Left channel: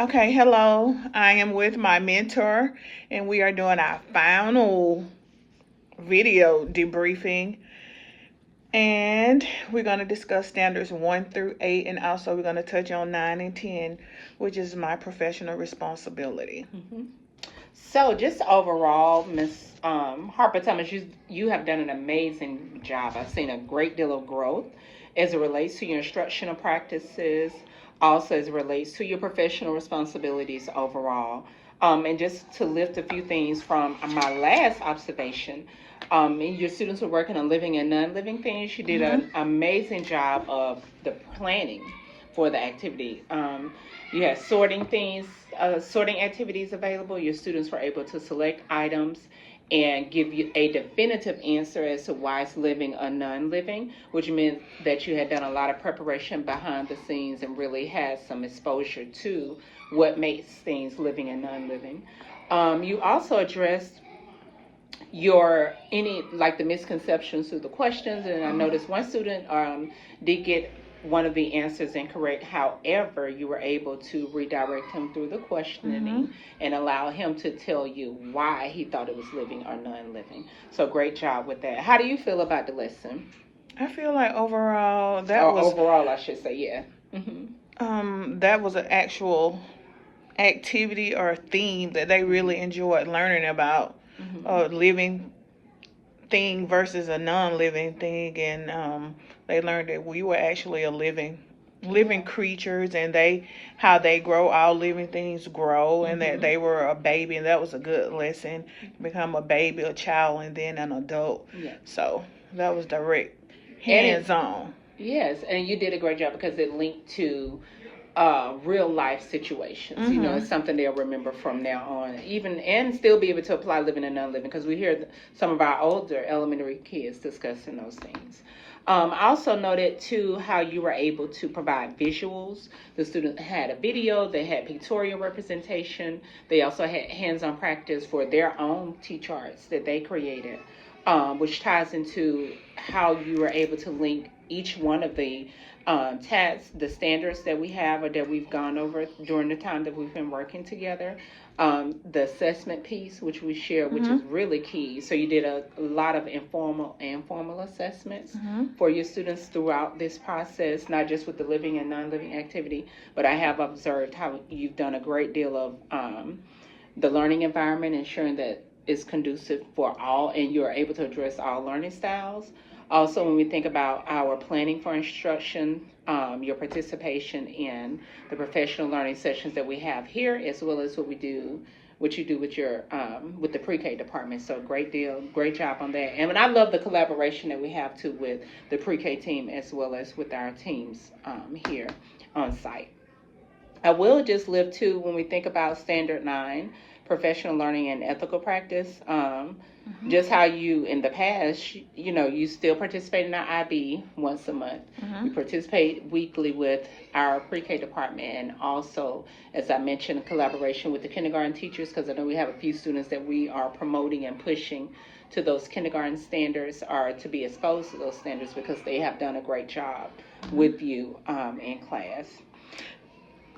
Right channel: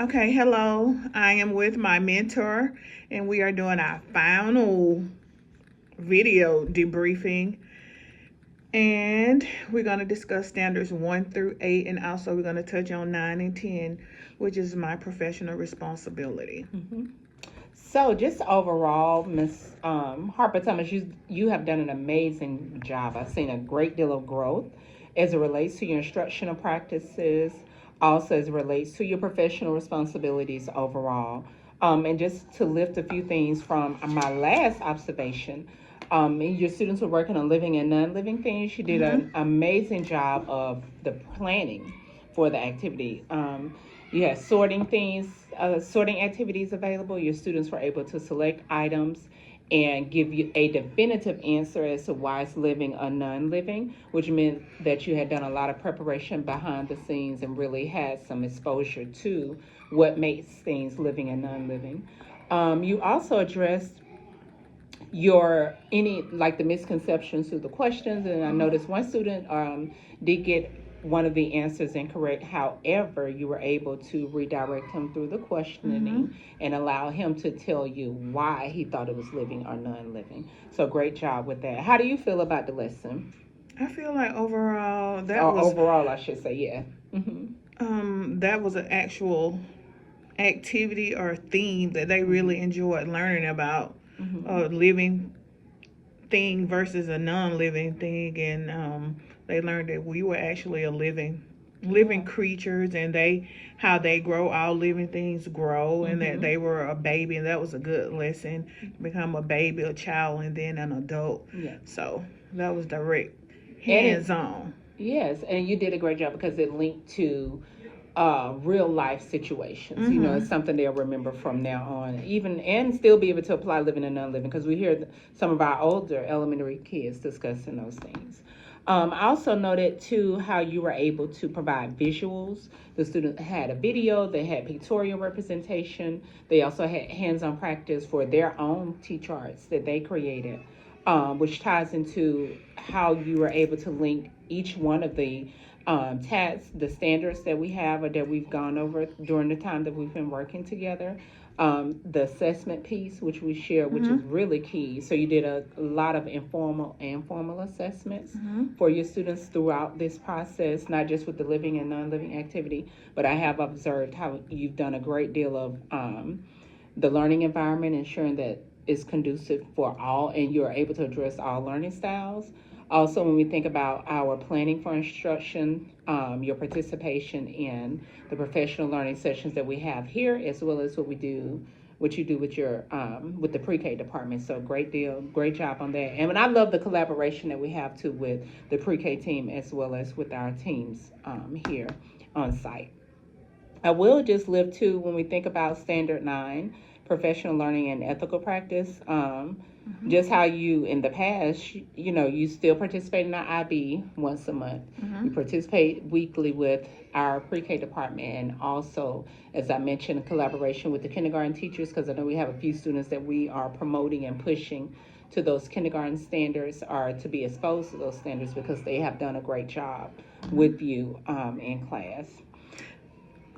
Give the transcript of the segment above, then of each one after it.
Okay, hello. I am with my mentor, and we are doing our final video debriefing. And we're going to discuss standards 1 through 8, and also we're going to touch on 9 and 10, which is my professional responsibility. So, just overall, Miss Harper Thomas, you have done an amazing job. I've seen a great deal of growth as it relates to your instructional practices, also as it relates to your professional responsibilities overall. And just to lift a few things from my last observation, your students were working on living and non-living things. You did an amazing job of the planning for the activity. You had sorting activities available. Your students were able to select items and give you a definitive answer as to why it's living or non-living, which meant that you had done a lot of preparation behind the scenes and really had some exposure to what makes things living and non-living. You also addressed the misconceptions through the questions, and I noticed one student did get one of the answers incorrect. However, you were able to redirect him through the questioning and allow him to tell you why he thought it was living or non-living. So great job with that. How do you feel about the lesson? I feel like overall overall, I should say, yeah. That was an actual activity or theme that they really enjoyed learning about. A living thing versus a non-living thing, and they learned that we were actually a living creatures, and how they grow. All living things grow, and that they were a baby, and that was a good lesson. Become a baby, a child, and then an adult. Yeah. So that was direct, hands-on. Yes, and you did a great job because it linked to real life situations. You know, it's something they'll remember from now on, even and still be able to apply living and non-living, because we hear some of our older elementary kids discussing those things. I also noted too how you were able to provide visuals. The student had a video, they had pictorial representation, they also had hands-on practice for their own T-charts that they created, which ties into how you were able to link each one of the tasks, the standards that we have or that we've gone over during the time that we've been working together. The assessment piece, which we share, which is really key. So you did a lot of informal and formal assessments for your students throughout this process, not just with the living and non-living activity, but I have observed how you've done a great deal of the learning environment, ensuring that it's conducive for all and you're able to address all learning styles. Also, when we think about our planning for instruction, your participation in the professional learning sessions that we have here, as well as what you do with your with the pre-K department. So great job on that. And I love the collaboration that we have too with the pre-K team as well as with our teams here on site. I will just lift too when we think about Standard 9, professional learning and ethical practice. Just how you in the past, you still participate in our IB once a month. You participate weekly with our pre-K department, and also, as I mentioned, collaboration with the kindergarten teachers, because I know we have a few students that we are promoting and pushing to those kindergarten standards, or to be exposed to those standards, because they have done a great job with you in class.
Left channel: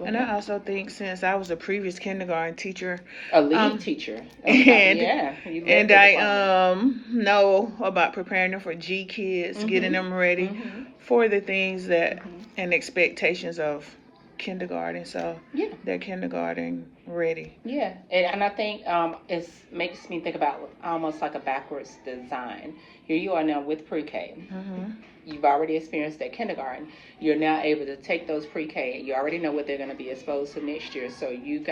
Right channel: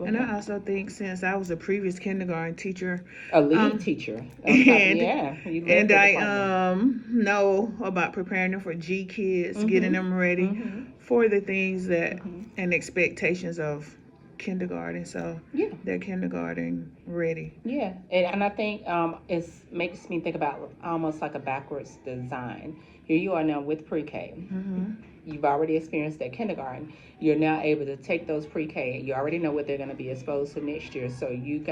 And I also think, since I was a previous kindergarten teacher, a lead teacher, and I know about preparing them for G kids, getting them ready for the things that and expectations of kindergarten, so they're kindergarten ready. Yeah, and I think it makes me think about almost like a backwards design. Here you are now with pre-K. You've already experienced that kindergarten. You're now able to take those pre-K. You already know what they're going to be exposed to next year. So you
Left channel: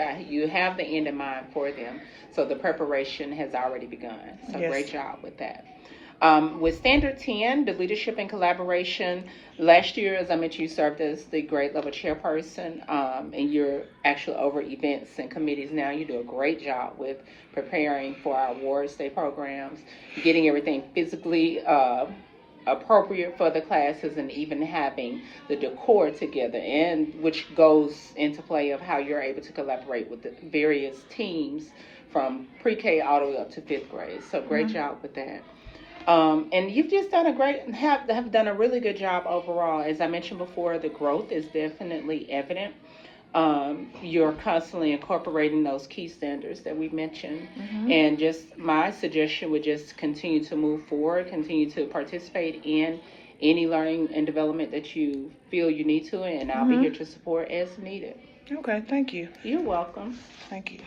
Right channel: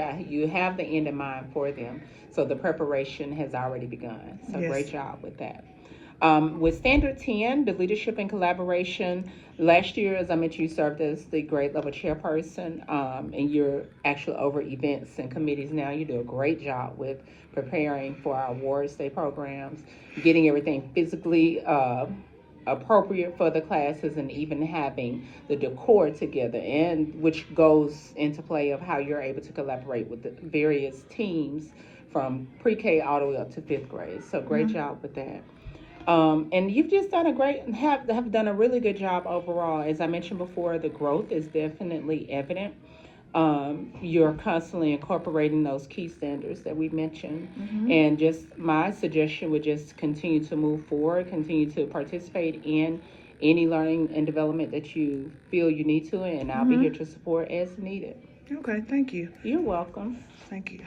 have the end in mind for them. So the preparation has already begun. So great job with that. With Standard 10, the leadership and collaboration, last year, as I mentioned, you served as the grade level chairperson, and you're actually over events and committees now. You do a great job with preparing for our awards day programs, getting everything physically appropriate for the classes, and even having the decor together, and which goes into play of how you're able to collaborate with the various teams from pre-K all the way up to 5th grade. So great job with that. And you've just done have done a really good job overall. As I mentioned before, the growth is definitely evident you're constantly incorporating those key standards that we mentioned. And just my suggestion would just continue to move forward, continue to participate in any learning and development that you feel you need to, and I'll be here to support as needed. Okay, thank you. You're welcome. Thank you.